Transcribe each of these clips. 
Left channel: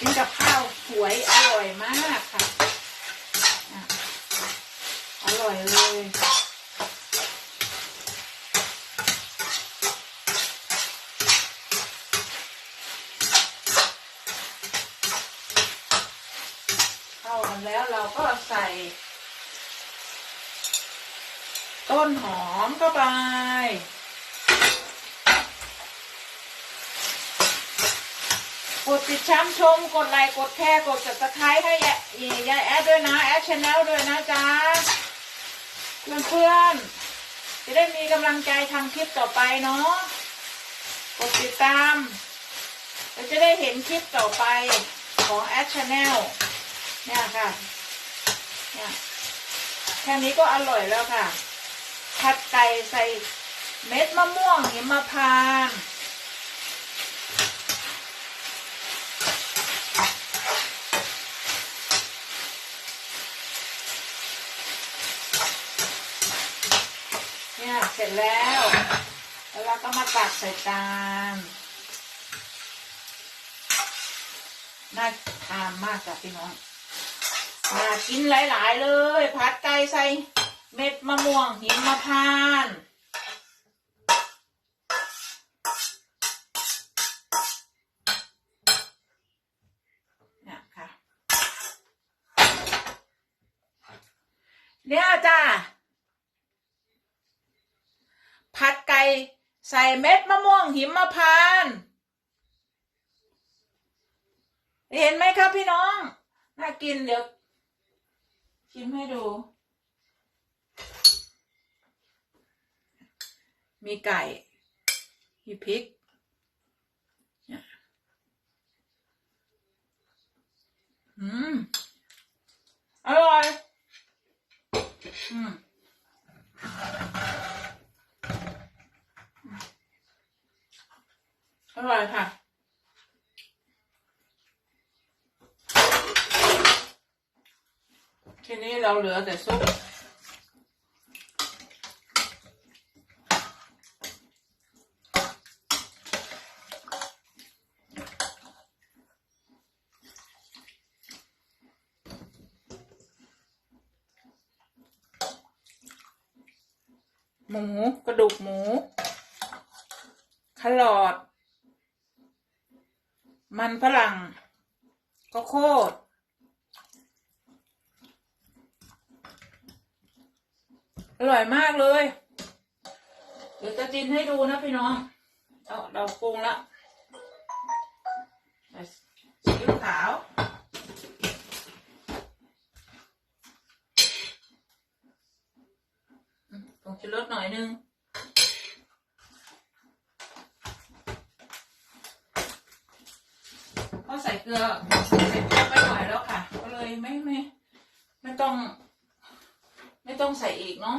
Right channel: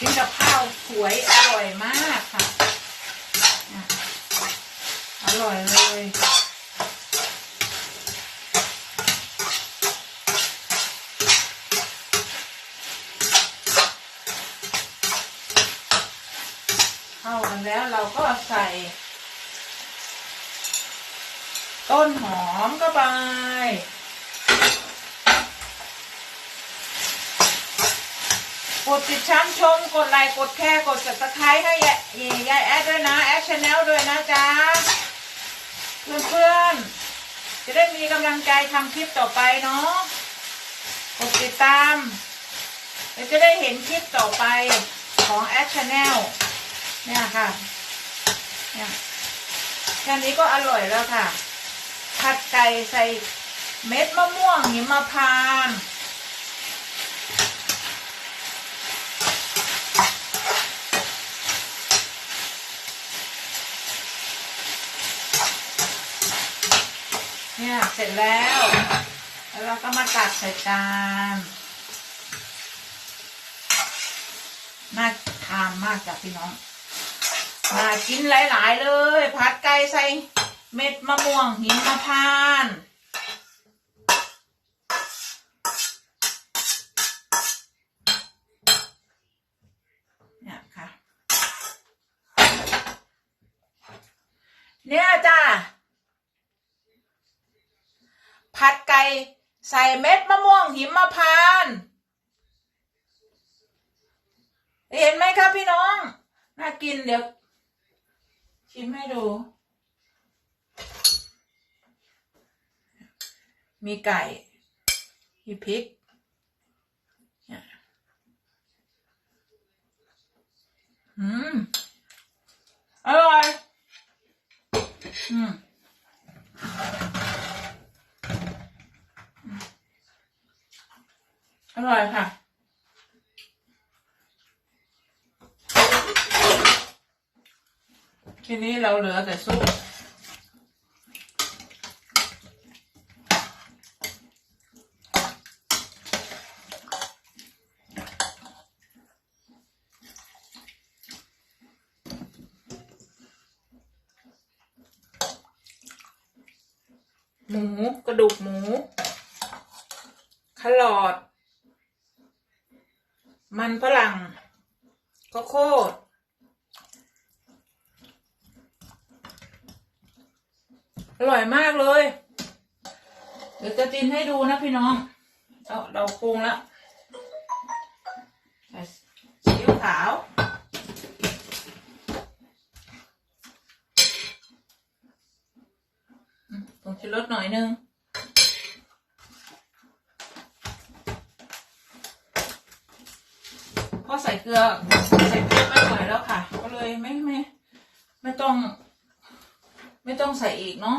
กินกับข้าวสวยอร่อยมากค่ะ อร่อยเลยเข้ากันแล้วเราก็ใส่ ต้นหอมก็ไป กดติดช้ำชม กดไลค์ กดแชร์ กด subscribe ให้ยายยายแอดด้วยนะ แอดชาแนลด้วยนะจ๊ะ เพื่อนๆ จะได้มีกำลังใจทำคลิปต่อไปเนาะ กดติดตามเดี๋ยวจะได้เห็นคลิปต่อไปของแอดชาแนลเนี่ยค่ะ เนี่ยแค่นี้ก็อร่อยแล้วค่ะ ผัดไก่ใส่เม็ดมะม่วงหิมพานต์ เสร็จแล้ว แล้วเราก็มาตักใส่จานน่าทานมากจ้ะพี่น้องน่ากินหลาย ๆ เลย ผัดไก่ใส่เม็ดมะม่วงหิมพานต์เนี่ยค่ะ เนี่ยจ้า ผัดไก่ใส่เม็ดมะม่วงหิมพานต์เห็นไหมครับพี่น้อง น่ากินเดี๋ยว ชิมให้ดู มีไก่มีพริก อืม อร่อย อืม อร่อยค่ะ ทีนี้เราเหลือแต่ซุปหมูกระดูกหมูแครอทมันฝรั่งข้าวโคด อร่อยมากเลย เดี๋ยวจะกินให้ดูนะพี่น้องเอาเราปรุงแล้วซีอิ๊วขาวอืมผงชูรสหน่อยนึงพอใส่เกลือ ใส่เกลือไม่ไหวแล้วค่ะ ก็เลยไม่ไม่ ไม่ต้อง ไม่ต้องใส่อีกเนาะ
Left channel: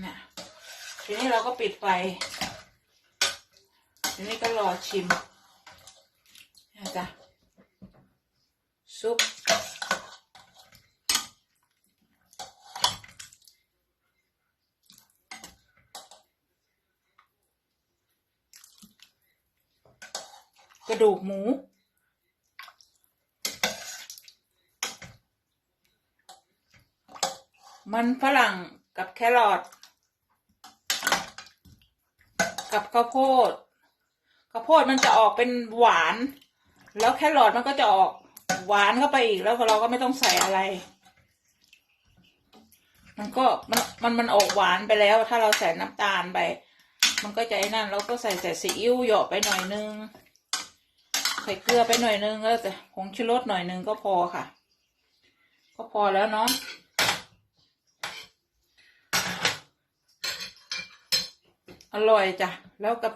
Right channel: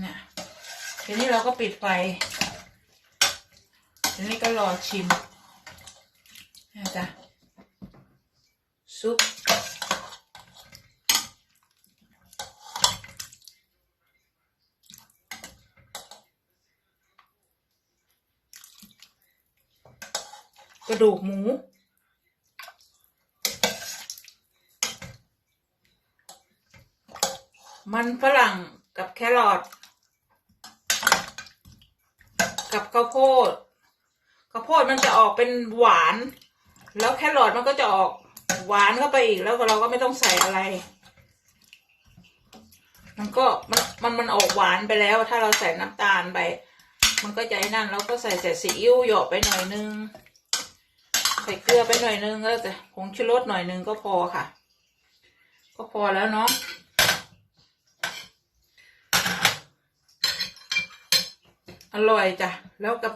เนี่ยทีนี้เราก็ปิดไฟทีนี้ก็รอชิมนะจ๊ะซุปกระดูกหมู มันฝรั่งกับแครอทกับข้าวโพดข้าวโพดมันจะออกเป็นหวาน แล้วแครอทมันก็จะออกหวานเข้าไปอีกแล้วเราก็ไม่ต้องใส่อะไร มันก็มันมันมันออกหวานไปแล้ว ถ้าเราใส่น้ำตาลไป มันก็จะไอ้นั่นเราก็ใส่ใส่ซีอิ๊วหยาะไปหน่อยนึงใส่เกลือไปหน่อยนึงแล้วแต่ผงชูรสหน่อยนึงก็พอค่ะ ก็พอแล้วเนาะ อร่อยจ้ะ แล้วกับ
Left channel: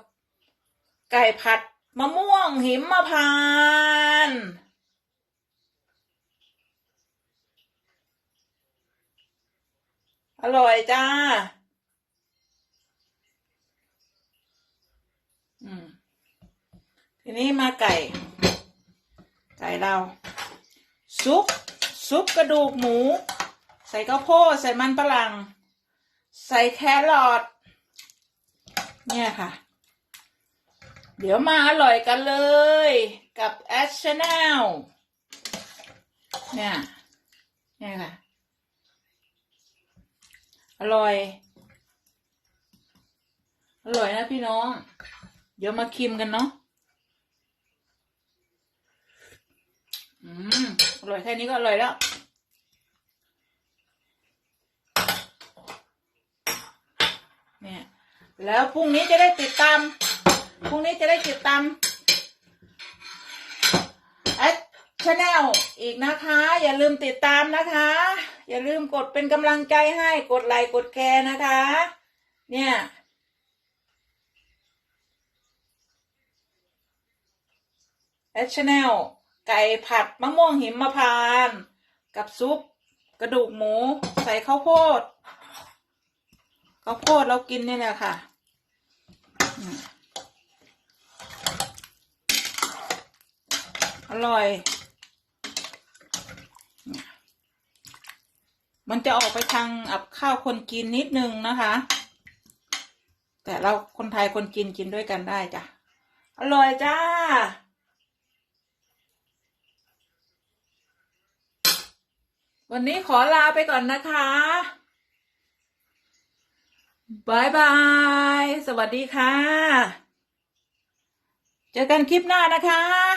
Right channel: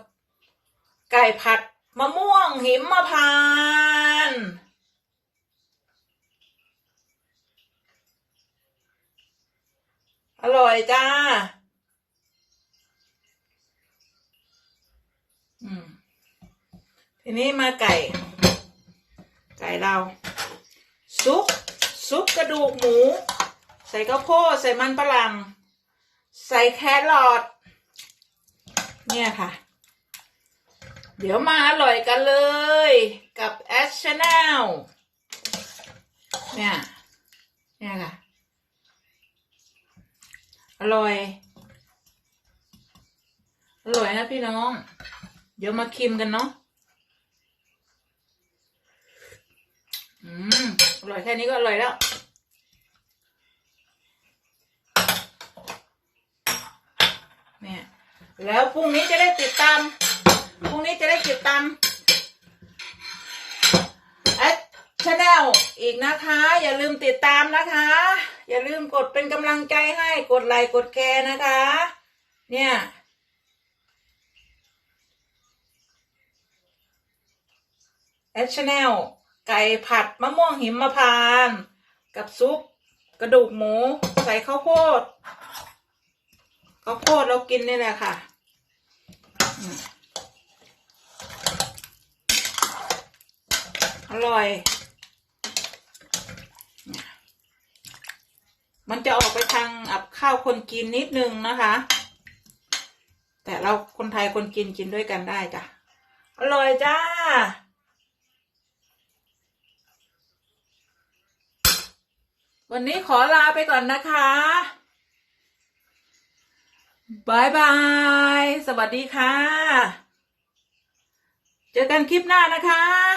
ไก่ผัดมะม่วงหิมมะพานอร่อยจ้า อืม ทีนี้มาไก่ ไก่เรา ซุป ซุปกระดูกหมู ใส่ข้าวโพดใส่มันฝรั่ง ใส่แครอท เนี่ยค่ะ เดี๋ยวมาอร่อยกันเลย กับแอชชแนลเนี่ย เนี่ยค่ะ อร่อย อร่อยนะพี่น้อง เดี๋ยวมาคิมกันเนาะอืมอร่อยแค่นี้ก็อร่อยแล้ว เนี่ย แล้วพรุ่งนี้จะได้ติดตาม พรุ่งนี้จะได้ติดตามแอดชาแนลอีกนะคะ อย่าลืมติดตามนะคะ อย่าลืมกดเป็นกำลังใจให้ กดไลค์กดแชร์นะคะ เนี่ยแอดชาแนลไก่ผัดมะม่วงหิมพานต์กับซุปกระดูกหมู ใส่ข้าวโพด ข้าวโพดเรากินนี่แหละค่ะอืมอร่อย มันจะออกไปทางอับข้าวคนกินนิดนึงนะคะ แต่เราคนไทยคนกินกินด้วยกันได้จ้ะ อร่อยจ้า วันนี้ขอลาไปก่อนนะคะ บายบาย สวัสดีค่ะ เจอกันคลิปหน้านะคะ